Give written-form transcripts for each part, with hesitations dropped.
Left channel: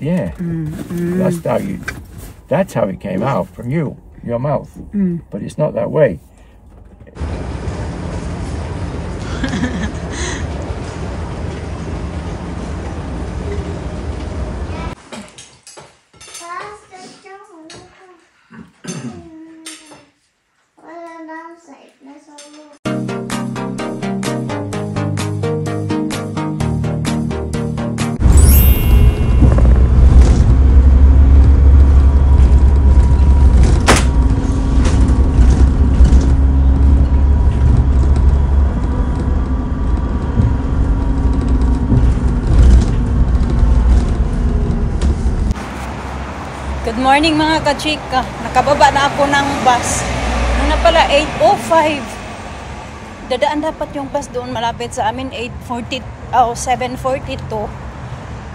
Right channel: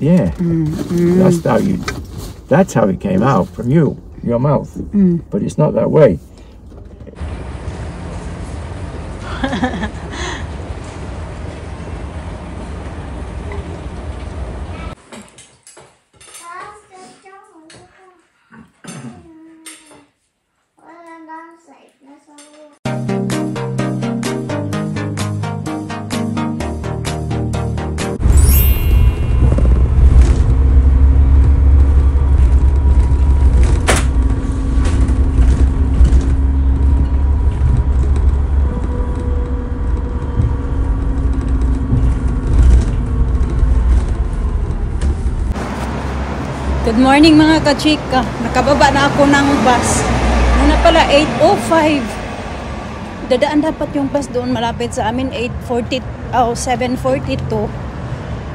Yeah. That's how it came out from your mouth. But it's not that way. Good morning mga kachika. Nakababa na ako ng bus. Muna pala 8:05. Dadaan dapat yung bus doon malapit sa amin 7:42.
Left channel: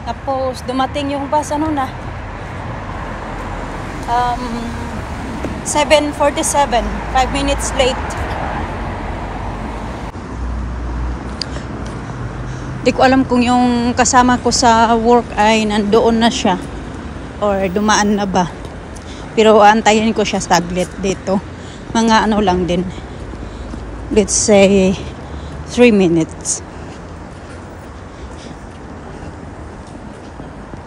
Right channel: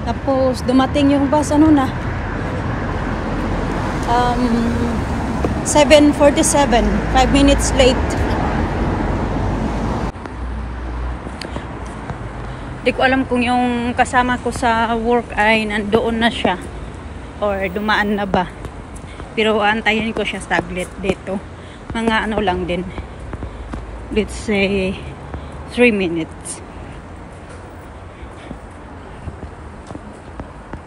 Tapos dumating yung bus 7:47. 5 minutes late. Di ko alam kung yung kasama ko sa work ay nandoon na siya or dumaan na ba, pero antayin ko siya saglit dito, mga lang din, let's say 3 minutes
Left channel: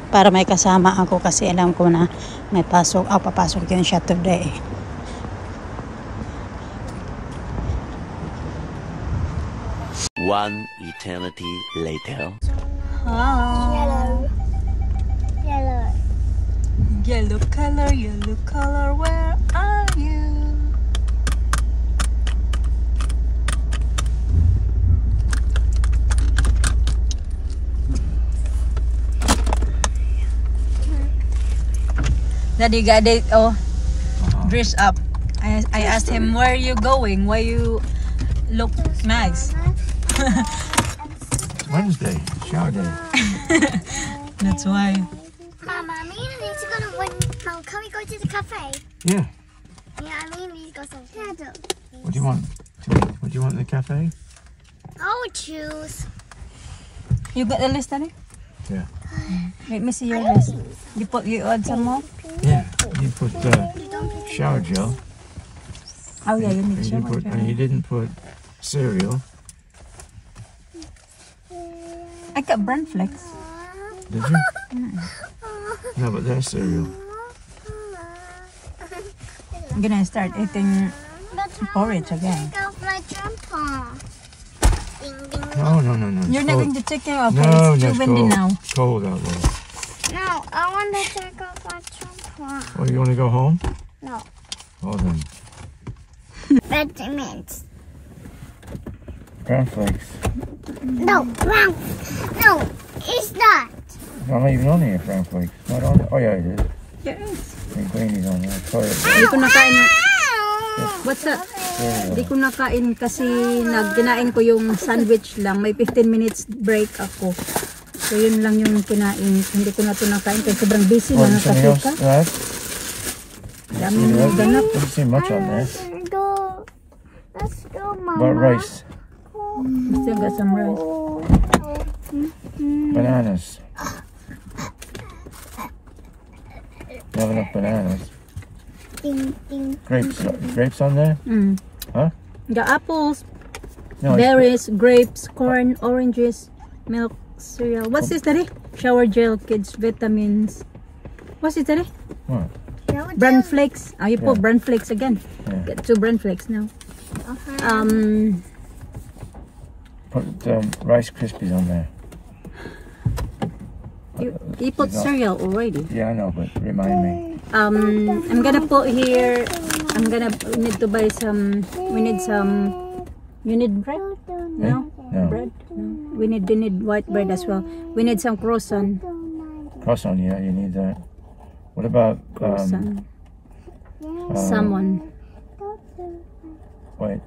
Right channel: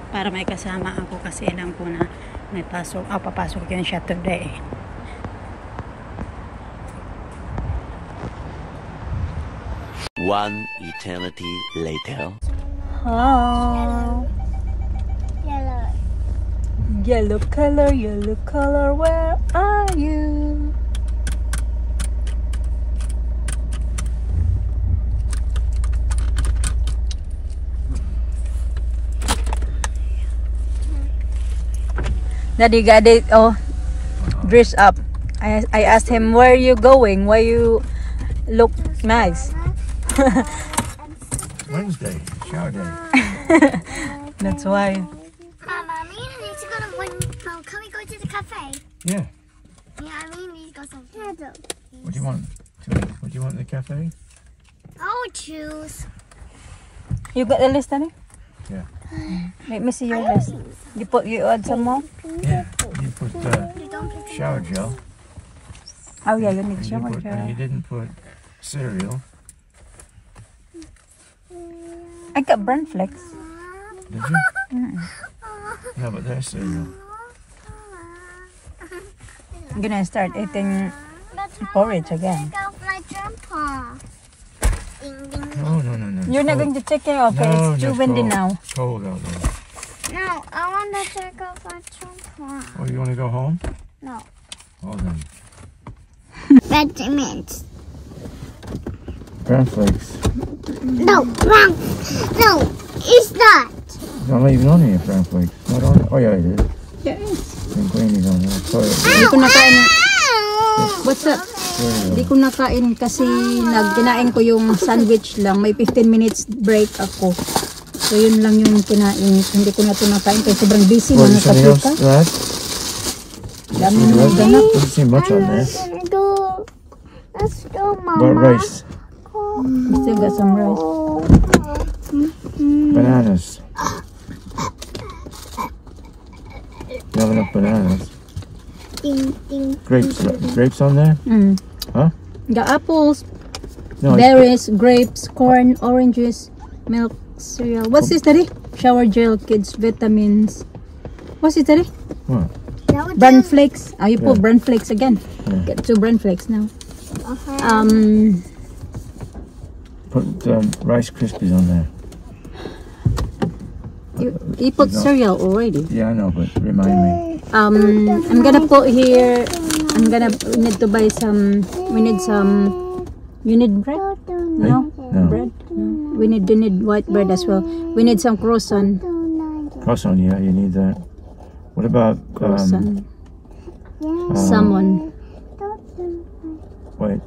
para may kasama ako kasi alam ko na may papasok din siya today. One eternity later. Yellow color, where are you? Daddy got it all dressed up. I asked him, where are you going? Why you look nice? Wednesday, shower day. That's why. Mama, me and Lisa gonna win. Can we go to the cafe? Yeah. Yeah, I mean, Lisa got some candles. What do you want? What do you want in the cafe? I would choose. You got the list, Daddy? Yeah. Let me see your list. You add some more? Yeah. You put shower gel. Oh yeah, let me see. And you didn't put cereal. I got Brand Flex. Did you? No, but there's cereal. I'm gonna start eating porridge again. Take off my jumper. Ding, ding, ding. No. You're not going to check it off. No, It's too that's windy cold. now. It's cold out there. No, I want to take off my jumper. Oh, you want to go home? No. Oh, then. Vitamins. Brown flakes. No, brown. No, it's not. I'm not even on here, brown flakes. Not on it. Oh, yeah, it is. Yeah. Green greenies on there. Sorry. Hindi ko nakain. Ow! What's that? Hindi ko nakain kasi kinain ko yung sandwich lang. May 15 minutes break ako. So yun lang yung kinain. Hindi ko na ito nakain kasi sobrang busy mga kachika. Dami na ganap. Doesn't seem much on there. Let's go, Mama. What rice? We still got some rice. Bananas. You have enough bananas. Ding, ding, Grapes on there? Huh? The apples, No, berries, grapes, corn, oranges, milk, cereal. What's this, Daddy? Shower gel, kids, vitamins. What's this, Daddy? What? Bran flakes. Oh, you put Yeah. bran flakes again. Yeah. Get 2 bran flakes now. Put Rice Krispies on there. You put cereal already. Yeah, I know, but remind me. I'm gonna put here. We need to buy some. We need some. You need bread? No, No. bread. No. We need white bread as well. We need some croissant. Croissant, yeah, you need that. What about Croissant. Salmon. Wait.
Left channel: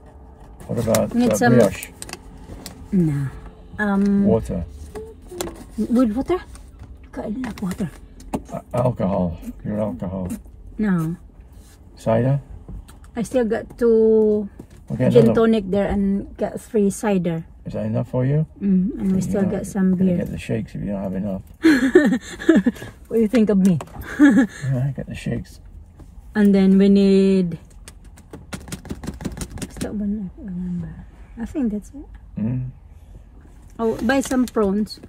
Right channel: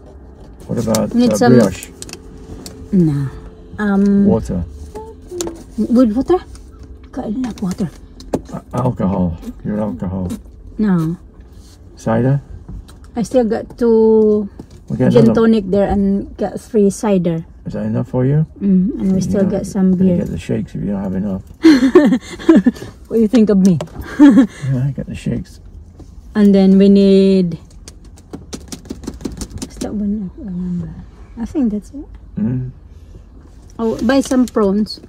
What about We need some- brioche? No. Water. With water? I love water. Alcohol. Your alcohol. No. Cider? I still got 2 We'll get gin another- tonic there and got 3 cider. Is that enough for you? And we still got some You beer. get the shakes if you don't have enough. We you think of me? Yeah, I got the shakes. And then we need. Is that one? I remember. I think that's it. Mm. Oh, buy some prawns.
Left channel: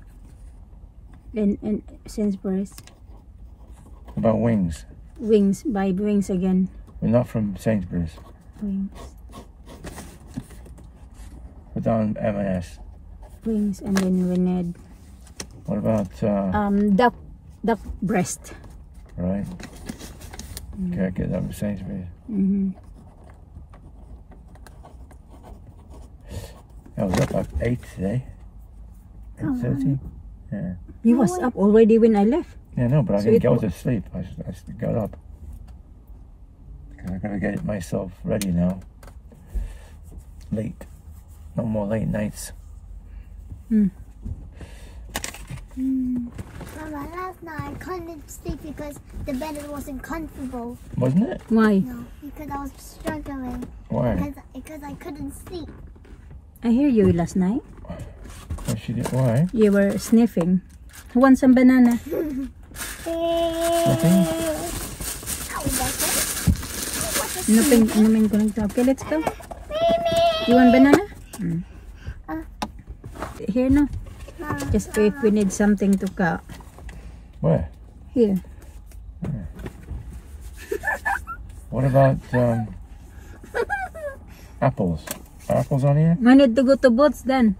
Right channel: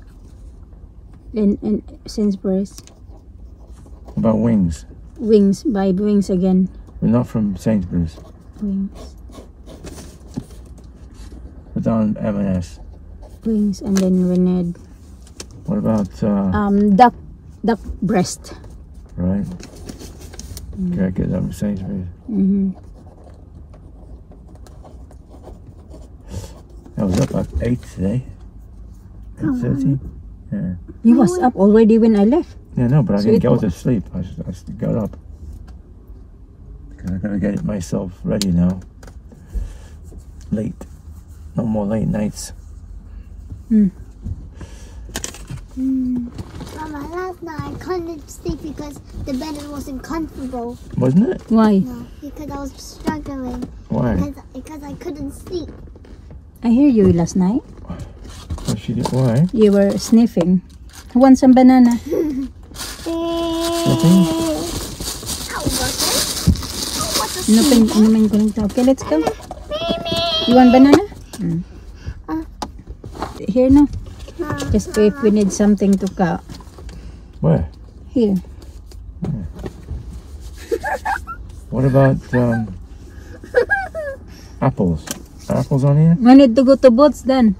In Sainsbury's. About wings. Wings. Buy wings again. We're not from Sainsbury's. Wings. Put down M&S. Wings, and then we need What about duck breast. right? Okay, I get that from Sainsbury's. I was up at 8 today. 8:30. Yeah. You was up already when I left. Yeah, no, but I So didn't it go wa- to sleep. I got up. 'Cause I gotta get myself ready now. Late. No more late nights. Mama, last night I couldn't sleep because the bed wasn't comfortable. Wasn't it? Why? No, because I was struggling. Why? Because I couldn't sleep. I hear you last night. What she did? Why? You were sniffing. Who wants some banana? Nothing. Nothing going to. Okay, let's go. You want banana? Here no. Just if we need something to cut. Where? Here. What about apples? Are apples on here? We need to go to Boots then.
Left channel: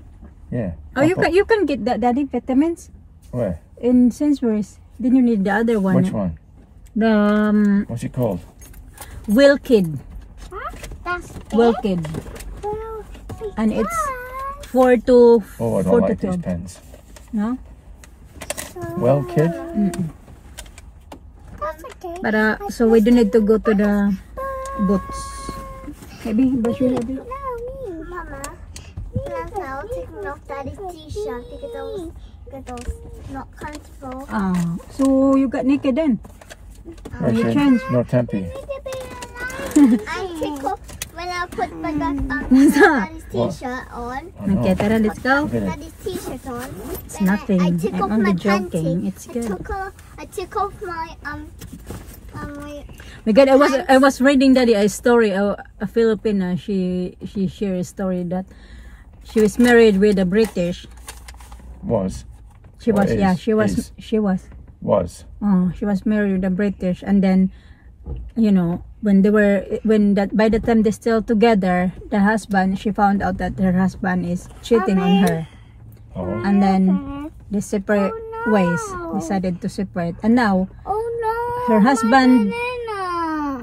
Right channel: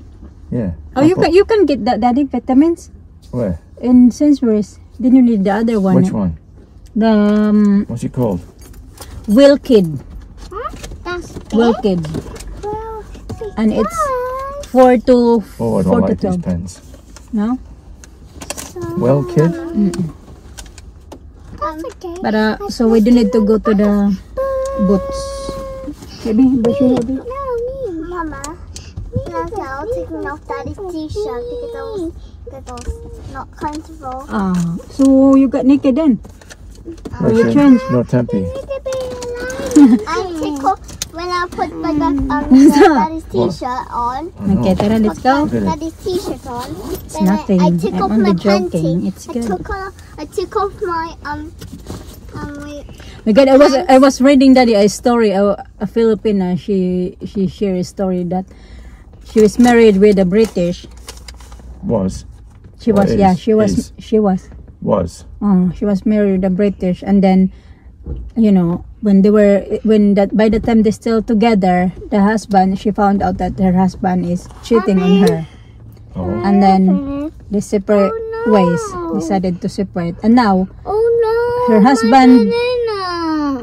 Yeah. Oh, you can get that daddy vitamins Where? in Sainsbury's. Then you need the other one. Which one? The What's it called? Wilkid. That's Wilkid. well, And it's 4 to Oh, I 4 don't to like these 12. pens. No? Well, kid. that's okay. But so we do need to go to the Boots. Maybe brush your hair, baby. No, me. Mama. Last night I was taking off Daddy's t-shirt because I was not comfortable. So you got naked then? No, you Tem- change? no Tempe. I tickle when I put my Daddy's t-shirt on. I know. Okay, Tara, let's go. Look at it. Daddy's t-shirt on. It's Then nothing. I took off I'm my only joking. panty. It's good. I took off my My God, I was reading daddy a story. A Filipina, she shared a story that she was married with a British. Was. She Or was, is, yeah, she was, is. she was. Was. She was married with a British, and then, you know, by the time they're still together, the husband, she found out that her husband is cheating on her, Oh. and then they separate ways. Decided to separate, and now her husband,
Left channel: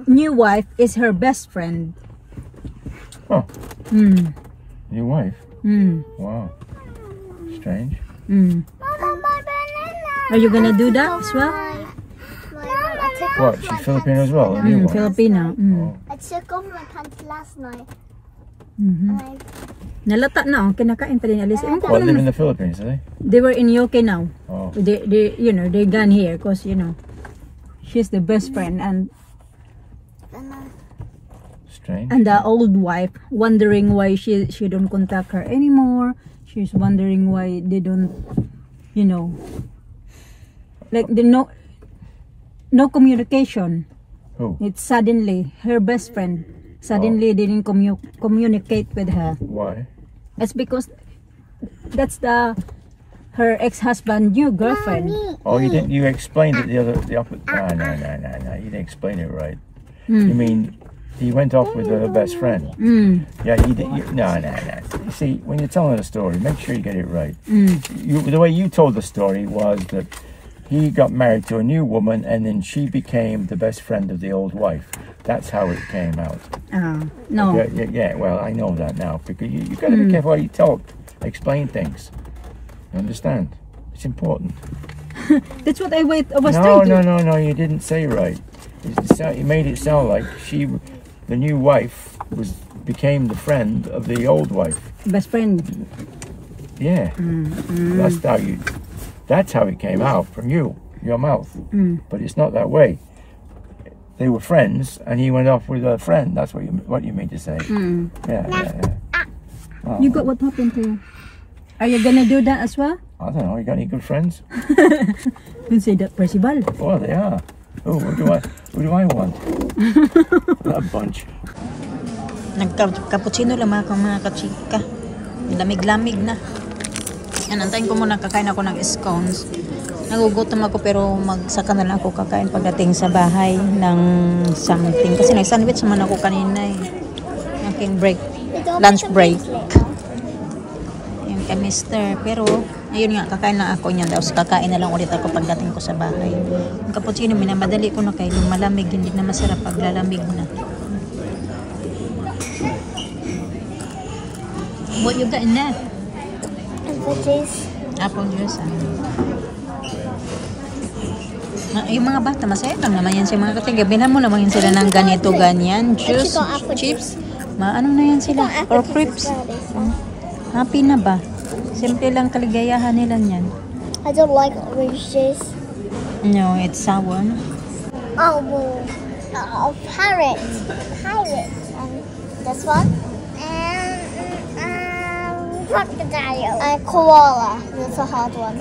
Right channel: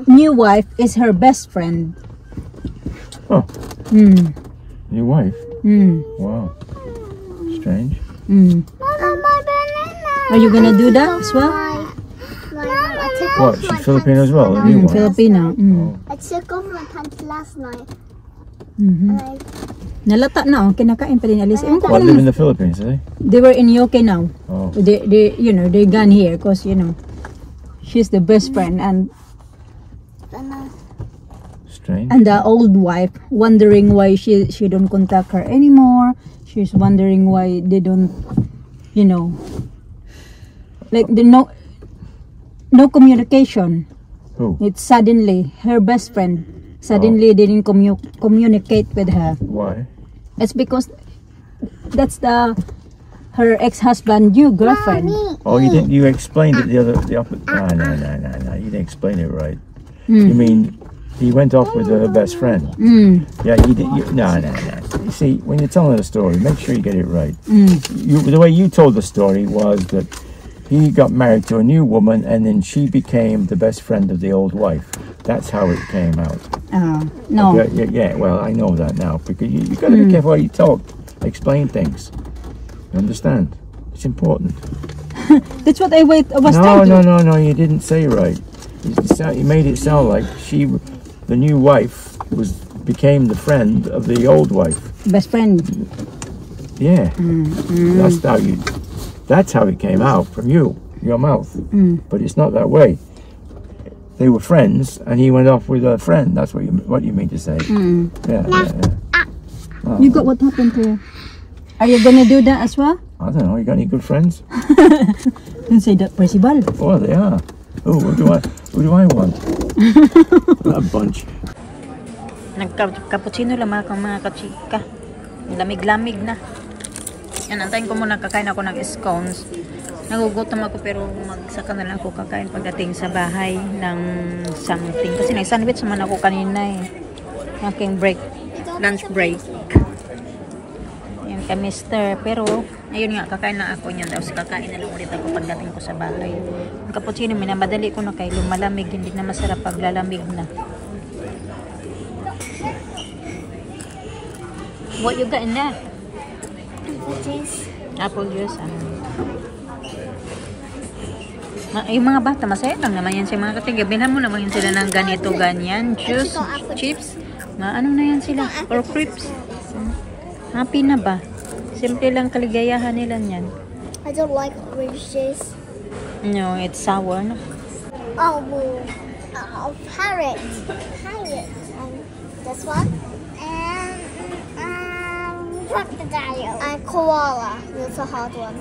new wife, is her best friend. Oh. Mm. Your wife? Mm. Wow. Strange. Mm. Are you gonna do that as well? What? She's Filipino as well? The new one? Filipino. Oh. I took off my pants last night. Mhm. And I Nalata na, kinakain pa din alis. Ewan ko What, kung live in the Philippines, do they? they were in UK now. Oh. They you know, they gone here because, you know, she's the best friend, and Strange. the old wife wondering why she don't contact her anymore. She's wondering why they don't, you know, like the no communication. Who? It's suddenly her best friend suddenly didn't communicate with her. Why? It's because that's her ex-husband new girlfriend. Oh, you didn't. You explained it the opposite. No. You didn't explain it right. Mm. You mean he went off with her best friend? Mm. Yeah, you did. No. You see, when you're telling a story, make sure you get it right. Mm. The way you told the story was that he got married to a new woman, and then she became the best friend of the old wife. That's how it came out. No. Yeah. Well, I know that now because you got to be careful how you talk, explain things. You understand? It's important. That's what I was No, trying to. no. You didn't say right. You made it sound like the new wife, became the friend of the old wife. Best friend. Yeah. That's how it came out from your mouth. But it's not that way. They were friends, and he went off with a friend. That's what you mean to say. Yeah. Oh. You got what happened to her? Are you gonna do that as well? I don't know. You got any good friends? You say that, Percival. Oh, they are. Oh, who do I want? A bunch. Nagka-cappuccino lang mga kachika. Lamig-lamig na. Yan, antayin ko muna kakain ako ng scones. Nagugutom ako pero magsaka na lang ako kakain pagdating sa bahay ng something. Kasi nag-sandwich naman ako kanina eh. Aking break. Lunch break. Yan ka mister. Pero ayun nga, kakain na ako niyan. Tapos kakain na lang ulit ako pagdating ko sa bahay. Yung cappuccino, minamadali ko na kay lumalamig. Hindi na masarap pag lalamig na. What you got in there? Apple juice. Apple juice, yung mga bata, masaya lang naman yan sa mga katiga. Binan mo naman sila ng ganito, ganyan. Juice, chips. Ano na yan sila? Or crips. Happy na ba? Simple lang kaligayahan nila yan. I don't like orange juice. No, it's sour. No? Parrot. This one. And crocodile. And koala. That's a hard one.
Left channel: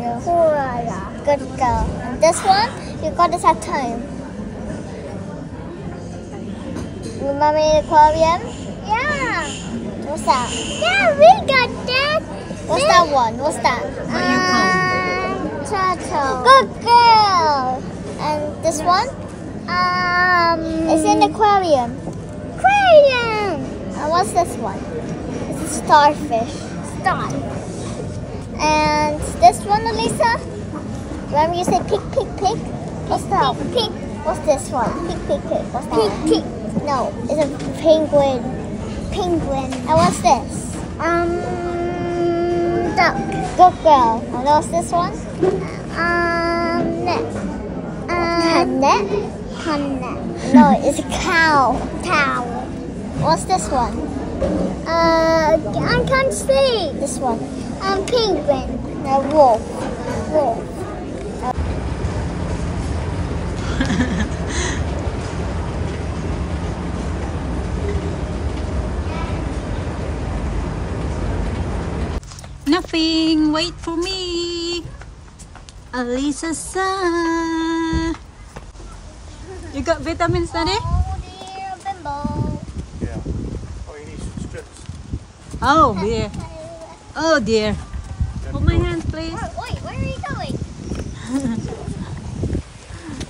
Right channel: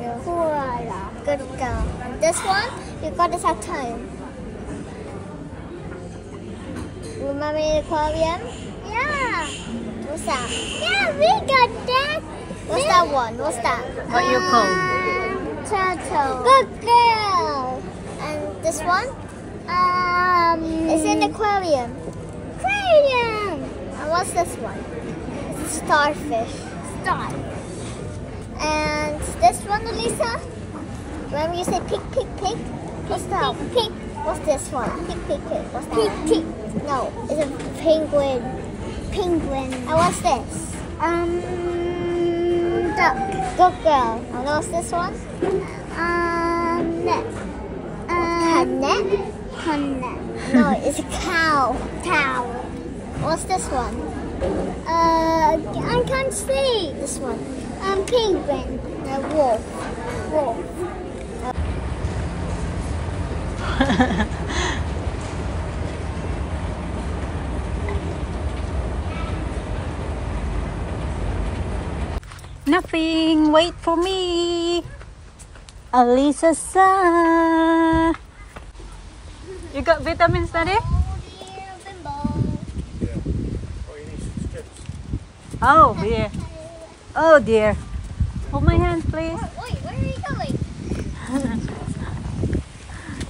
Yeah. Koala. Good girl. And this one, you got this at home. Remember the aquarium? Yeah. What's that? Yeah, we got that. What's that one? What's that? What you call? Turtle. Good girl. And this one? It's in the aquarium. Aquarium. And what's this one? It's a starfish. Star. And this one, Elisa? Remember you say pig, pig, pig? What's that? Pig, pig. What's this one? Pig, pig, pig. What's that? Pig, pig. No, it's a penguin. Penguin. And what's this? Duck. Good girl. And what's this one? Net. Net? Net. No, it's a cow. Cow. What's this one? I can't see. This one. Penguin. Wolf. Wolf. Nothing. Wait for me. Alisa sa. You got vitamins, Daddy? Oh dear, Bimbo. Yeah. Oh, you need some strips. Oh dear. Oh dear. Hold my hand, please. Wait, where are you going?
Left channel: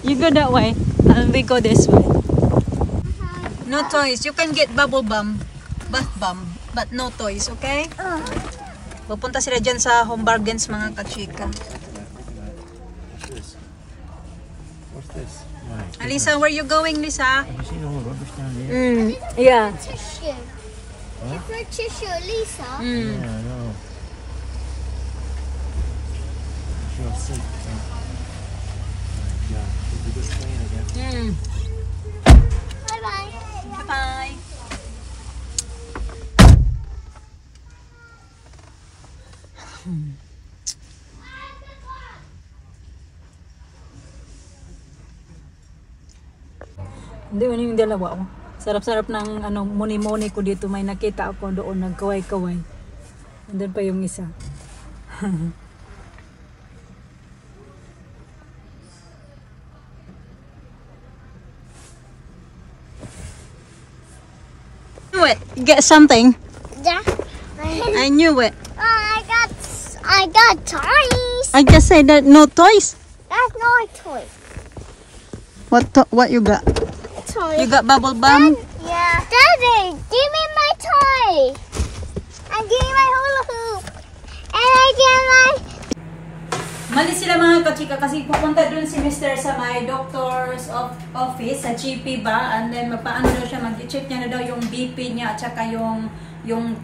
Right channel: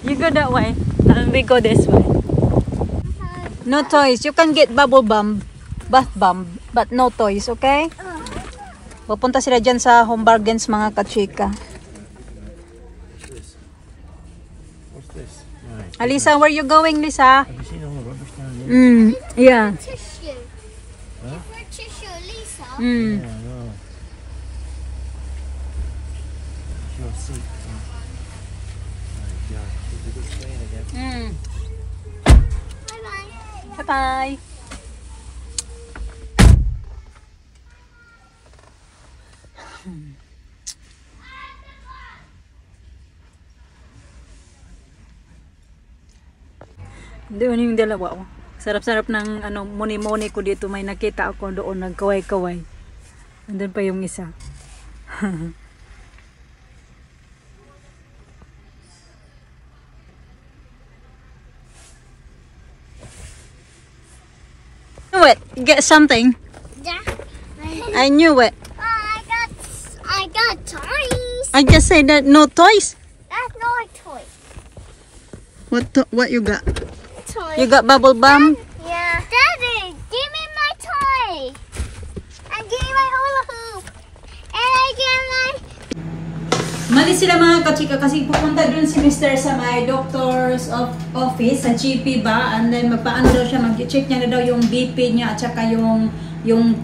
You go that way, and we go this way. No toys. You can get bubble bomb, bath bomb, but no toys, okay? Pupunta sila dyan sa Home Bargains, mga kachika. What's this? Nice. Alisa, where you going, Lisa? Have you seen all the rubbish down here? Yeah. Tissue. Huh? For tissue, Lisa. Yeah, I know. It's your seat. Oh. Yeah, this is a good plane again. Bye bye. Bye-bye. Doon yung dalawa, oh. Sarap-sarap ng muni-muni ko dito. May nakita ako doon, nagkaway-kaway. Andun pa yung isa. Knew it. You got something. Yeah. I knew it. I got toys. I just said that no toys. That's not a toy. What you got? Toy. You got bubble bomb? Yeah. Daddy, give me my toy. And give me my hula hoop. And I get my... Malis sila mga kachika kasi pupunta dun si Mr. sa my doctor's office, sa GP ba? And then magpaano daw siya, mag-check niya na daw yung BP niya at saka yung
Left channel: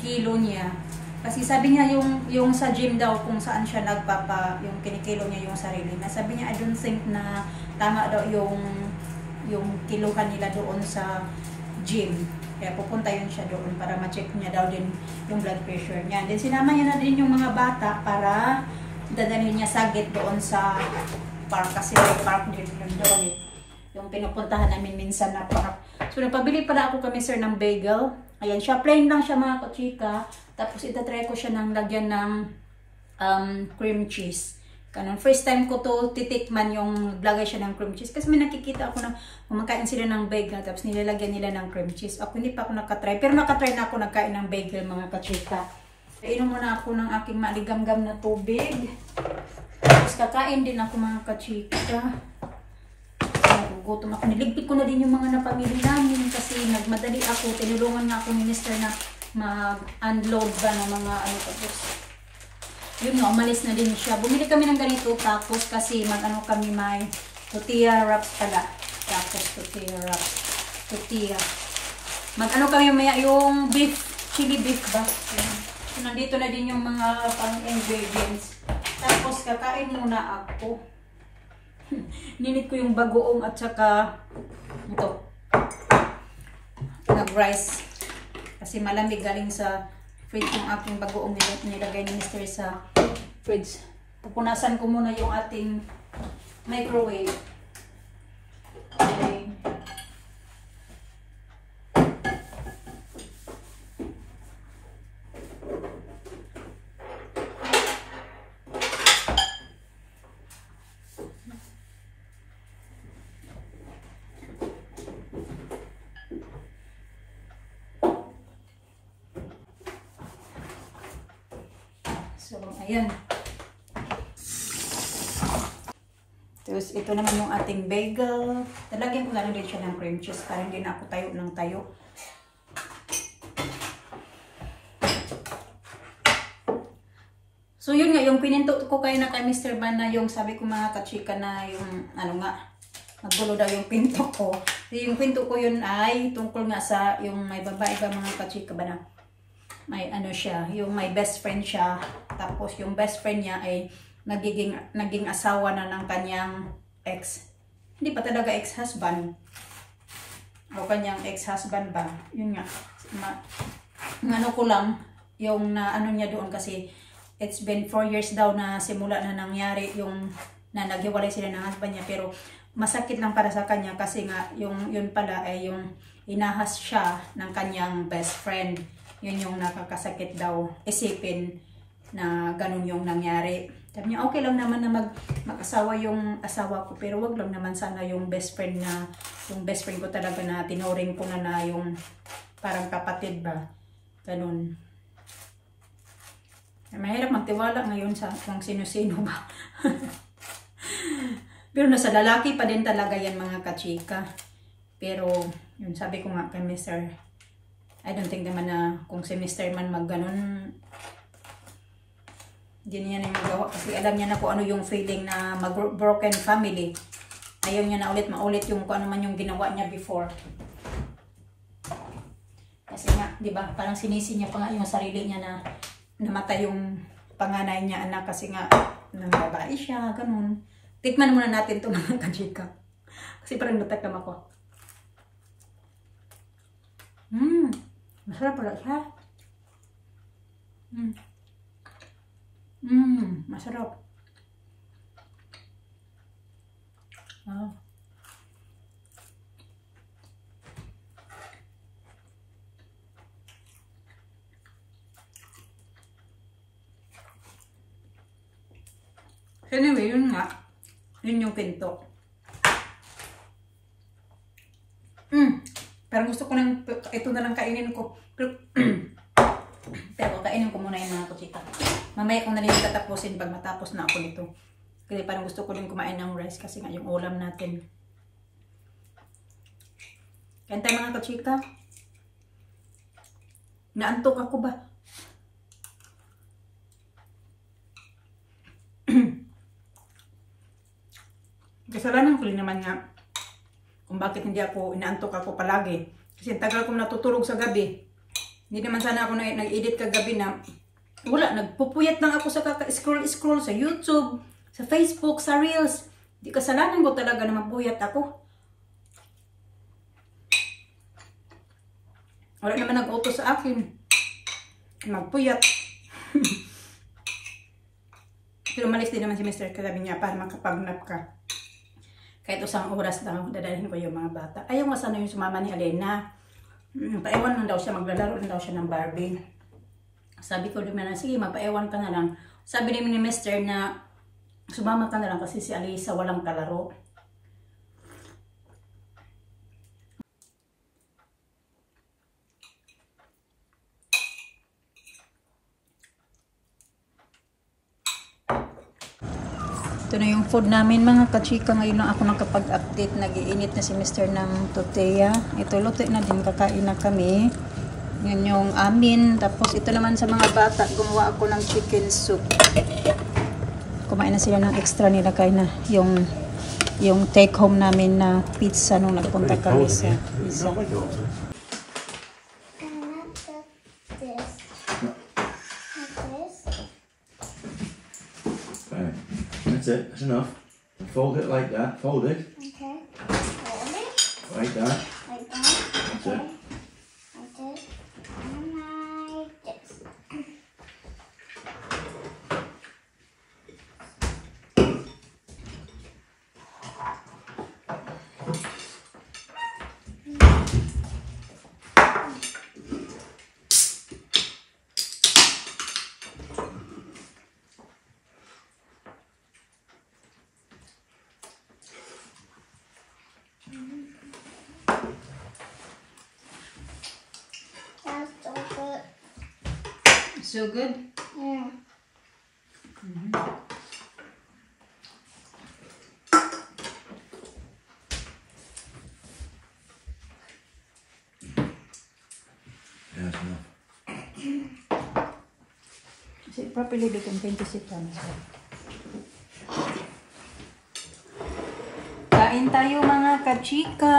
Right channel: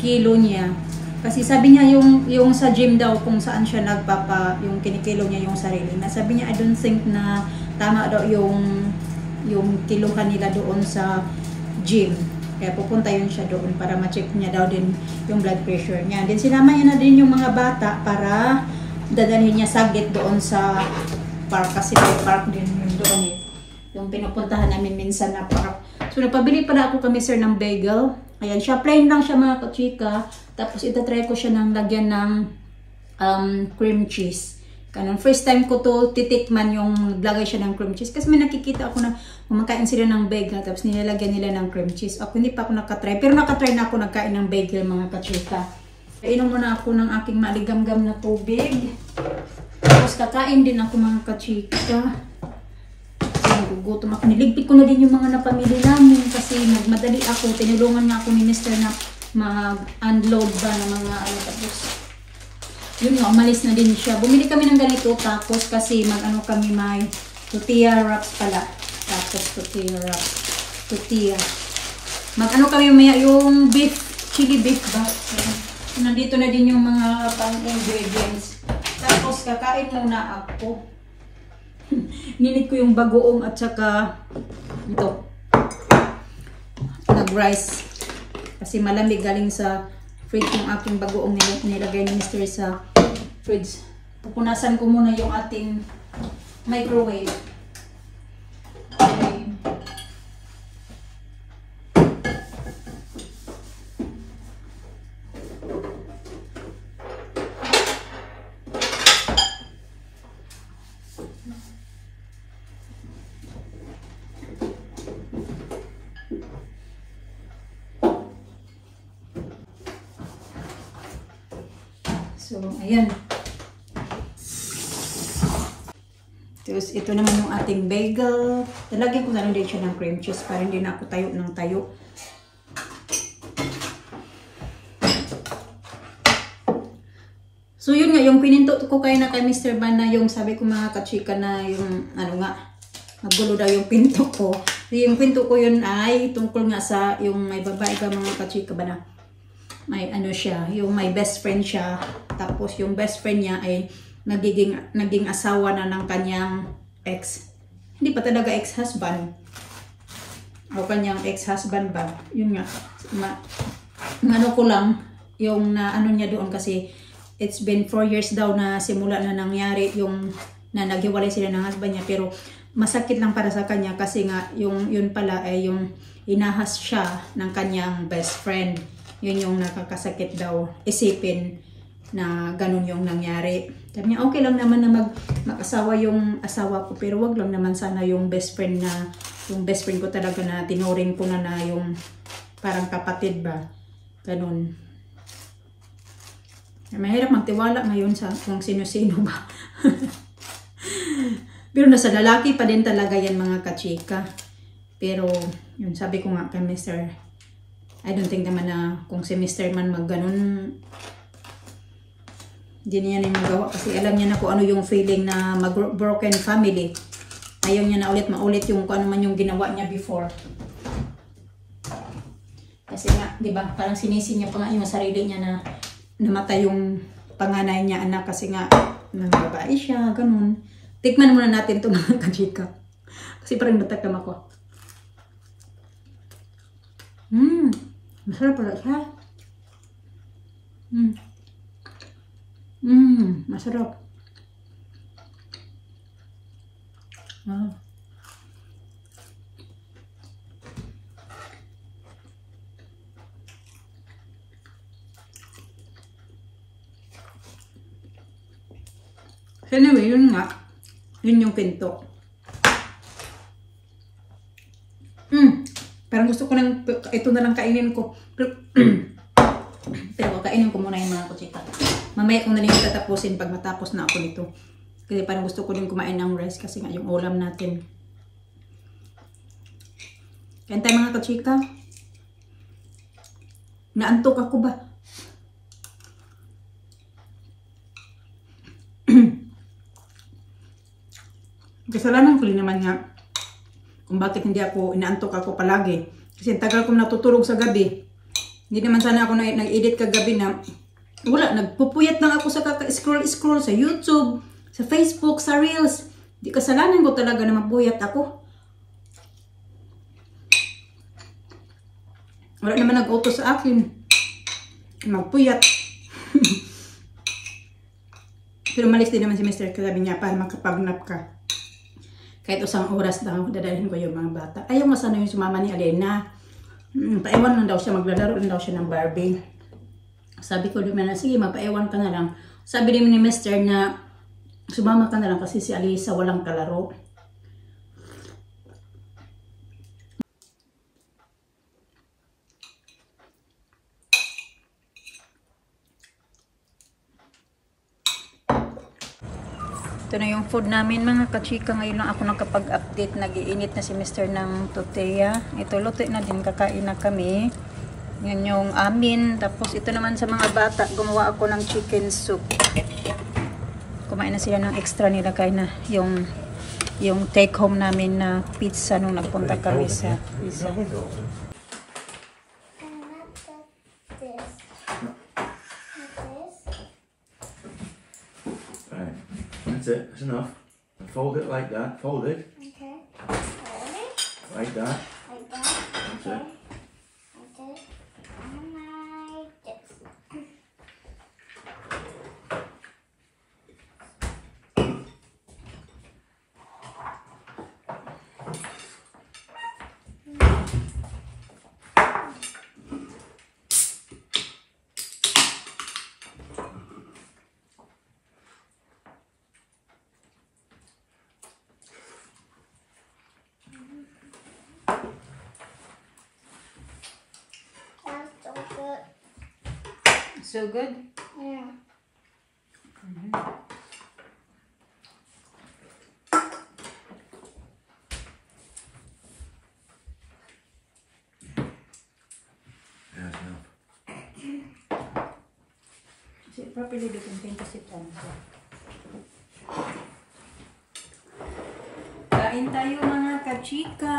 kilo niya. Kasi sabi niya yung sa gym daw kung saan siya yung kinikilo niya yung sarili. Sabi niya I don't think na tama daw yung kiluhan nila doon sa gym. Kaya pupunta yun siya doon para ma-check niya daw din yung blood pressure niya. Then sinama niya na din yung mga bata para dadalhin niya saglit doon sa park kasi may park din yun doon eh. Yung pinupuntahan namin minsan na park. So nagpabili pala ako kami sir ng bagel. Ayan siya, plain lang siya mga kachika. Tapos itatry ko siya ng lagyan ng cream cheese. Kanon, first time ko to titikman yung lagay siya ng cream cheese. Kasi may nakikita ako na kumakain sila ng bagel tapos nilalagyan nila ng cream cheese. Ako hindi pa ako nakatry. Pero nakatry na ako nagkain ng bagel mga kachika. Inom muna ako ng aking maligamgam na tubig. Tapos kakain din ako mga kachika. Nagugutom ako. Niligpit ko na din yung mga napamili namin kasi nagmadali ako. Tinulungan nga ako ni Mr. na mag-unload ba ng mga ano tapos. Yun nga, umalis na din siya. Bumili kami ng ganito tapos kasi mag-ano kami may tortilla wraps pala. Tapos tortilla wraps. Tortilla. Mag-ano kami maya yung beef, chili beef ba? So, nandito na din yung mga pang-ingredients. Tapos kakain muna ako. Ninit ko yung bagoong at saka ito. Nag-rice. Kasi malamig galing sa fridge yung aking bagoong nilagay ni Mr. sa fridge. Pupunasan ko muna yung ating microwave. Okay. So, ayan. Tapos, ito naman yung ating bagel. Talagyan ko na lang din siya ng cream cheese para hindi na ako tayo ng tayo. So, yun nga, yung pininto ko kayo na kay Mr. Ban na yung sabi ko mga kachika na yung, ano nga, maggulo daw yung pinto ko. Yung pinto ko yun ay tungkol nga sa yung may babae ba mga kachika ba na may ano siya, yung may best friend siya. Tapos yung best friend niya ay naging asawa na ng kanyang ex. Hindi pa talaga ex-husband. O kanyang ex-husband ba. Yun nga. Ano ko lang, yung na ano niya doon kasi it's been 4 years daw na simula na nangyari yung na naghiwalay sila ng husband niya. Pero masakit lang para sa kanya kasi nga yung yun pala ay yung inahas siya ng kanyang best friend. Yun yung nakakasakit daw isipin na ganun yung nangyari. Sabi niya, okay lang naman na mag-asawa yung asawa ko, pero wag lang naman sana yung best friend ko talaga na tinuring ko na yung parang kapatid ba. Ganun. Mahirap magtiwala ngayon sa kung sino-sino ba. Pero nasa lalaki pa din talaga yan mga kachika. Pero, yun sabi ko nga kay Mr. I don't think naman na kung si Mr. man mag-ganon, hindi niya na magawa kasi alam niya na kung ano yung feeling na mag-broken family. Ayaw niya na maulit yung kung ano man yung ginawa niya before. Kasi nga, di ba, parang sinisi niya pa nga yung sarili niya na namatay yung panganay niya anak kasi nga nang babae siya, ganun. Tikman muna natin ito mga kachika. Kasi parang natakam ako. Masarap pala siya. Masarap. Wow. So anyway, yun nga. Yun yung pinto. Parang gusto ko nang ito na lang kainin ko. Pero kainin ko muna yung mga kutsika. Mamaya ko na rin tatapusin pag matapos na ako nito. Kasi parang gusto ko din kumain ng rice kasi nga yung ulam natin. Kain tayo mga kutsika. Naantok ako ba? Kasalanan ko rin naman nga kung bakit hindi ako inaantok ako palagi. Kasi tagal ko natutulog sa gabi. Hindi naman sana ako nag-edit kagabi na wala, nagpupuyat lang ako sa kaka-scroll sa YouTube, sa Facebook, sa Reels. Di kasalanan ko talaga na mapuyat ako. Wala naman nag-auto sa akin. Magpuyat. Pero malis din naman si Mr. Sabi niya para makapag-nap ka. Kahit isang oras lang dadalhin ko yung mga bata. Ayaw nga sana yung sumama ni Alena. Paewan lang daw siya, maglalaro lang daw siya ng Barbie. Sabi ko naman na, sige, magpaewan ka na lang. Sabi din ni Mr. na sumama ka na lang kasi si Alisa walang kalaro. Ito na yung food namin mga kachika. Ngayon lang ako nakapag-update. Nag-iinit na si Mr. ng tortilla. Ito, luto na din. Kakain na kami. Yan yung amin. Tapos ito naman sa mga bata. Gumawa ako ng chicken soup. Kumain na sila ng extra nila. Kaya na yung take home namin na pizza nung nagpunta kami sa pizza. That's it, that's enough. Fold it like that, fold it. Okay. Hold it. Like that. Like that. That's Okay. it. Like this. And like this. That's so good. So good? Yeah. Yeah, that's enough. Sit properly, they can paint to sit down. Kain tayo mga kachika.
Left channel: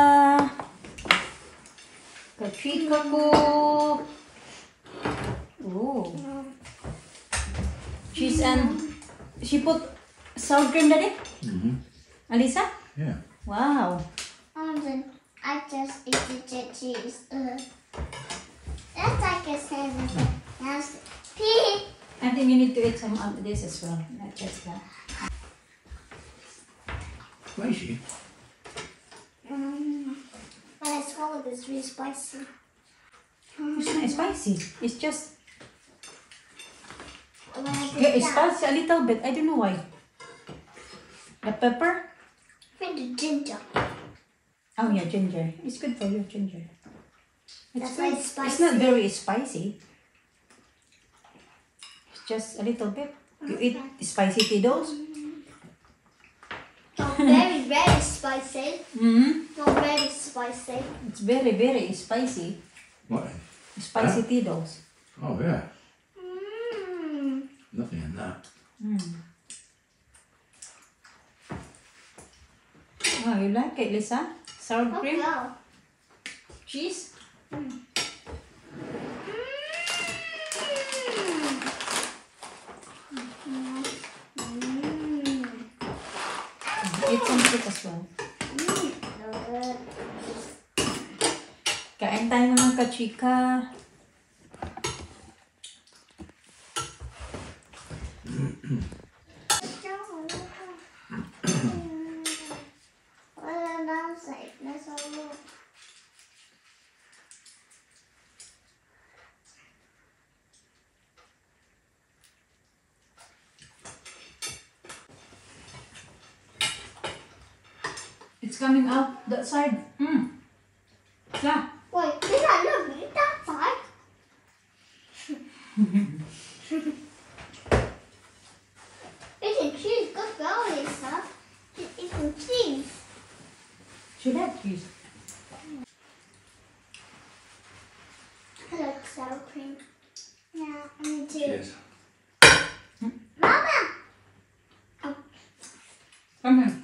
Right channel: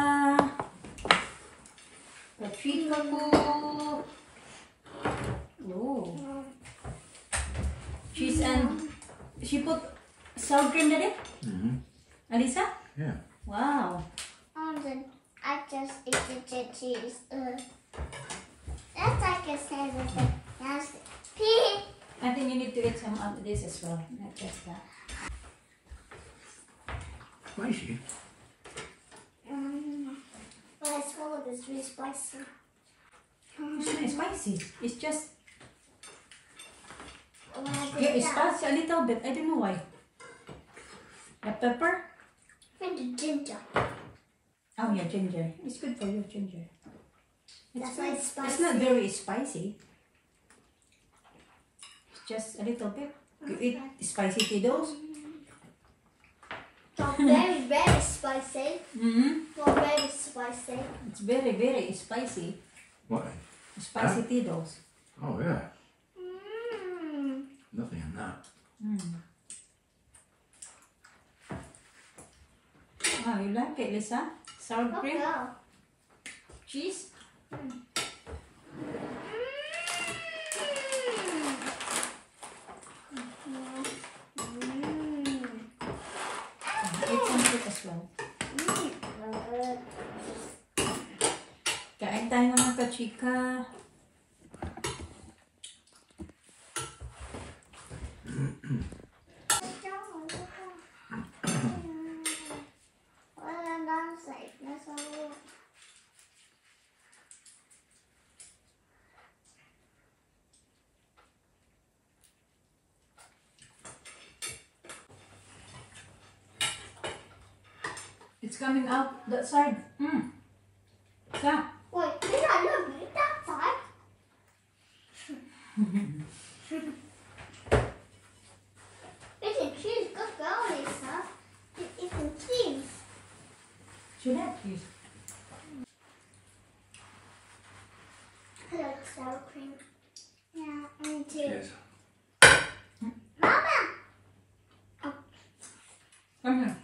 Kachika ko. Oh. Cheese and she put sour cream daddy? Alisa? Yeah. Wow. Then I just eat the cheese. That's like a seven. That's pig. I think you need to eat some of this as well. Not just that. Spicy. When I swallow this, really spicy. It's not spicy. It's just When I yeah, did it's that, spicy a little bit. I don't know why. The pepper? with the ginger. Oh yeah, ginger. It's good for you, ginger. That's It's why good. it's spicy. It's not very spicy. It's just a little bit. You eat spicy Tito's? Not very, very spicy. Not very spicy. It's very, very spicy. What? Spicy Tito's. Oh, yeah. Mmm. Nothing in that. Oh, you like it, Lisa? Sour cream? Okay. Cheese? Eat some fruit as well. Kain tayo mga kachika. It's coming out that side. Yeah. Wait, did I not eat that side? Eating cheese, good girl, Lisa. Eating cheese. Should have cheese. I like sour cream. Yeah, me too. Cheers. Mama! Come here.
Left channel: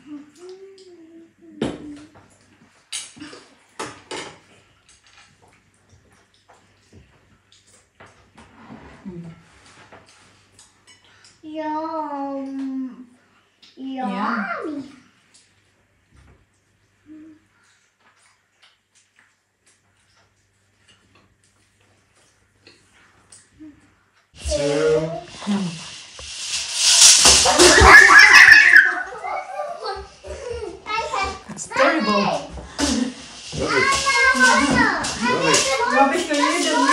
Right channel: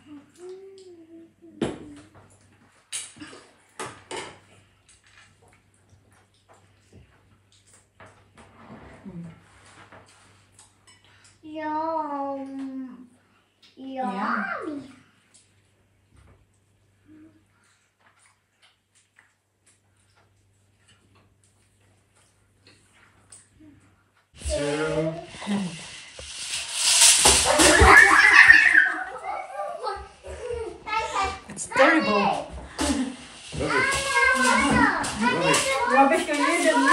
Yum. Yummy. It's terrible. Rubbish, you need to know.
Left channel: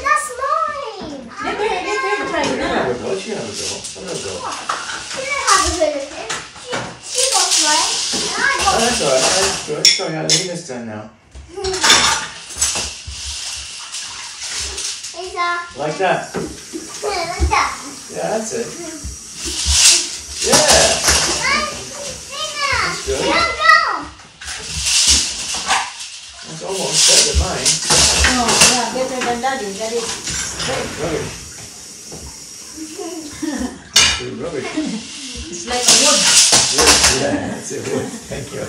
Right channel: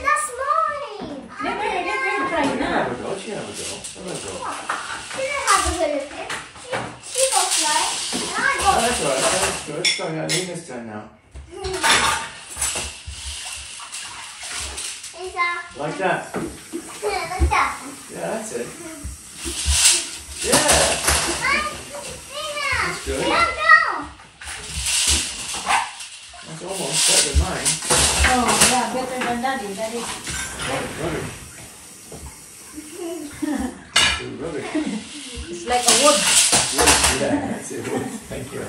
That's mine. Let her try now. can have a go. Let her go. She didn't have a good of it. She got mine. And I got Oh, that's alright. That's good. Sorry, Alina's turn now. Lisa. Like that? Like that. Yeah, that's it. Yeah! Lisa. good. Go. That's almost better than mine. Oh, yeah, better than Daddy. Daddy. Rubbish. Good rubbish. It's like a wood. Wood. Yeah, that's it. Wood. Thank you.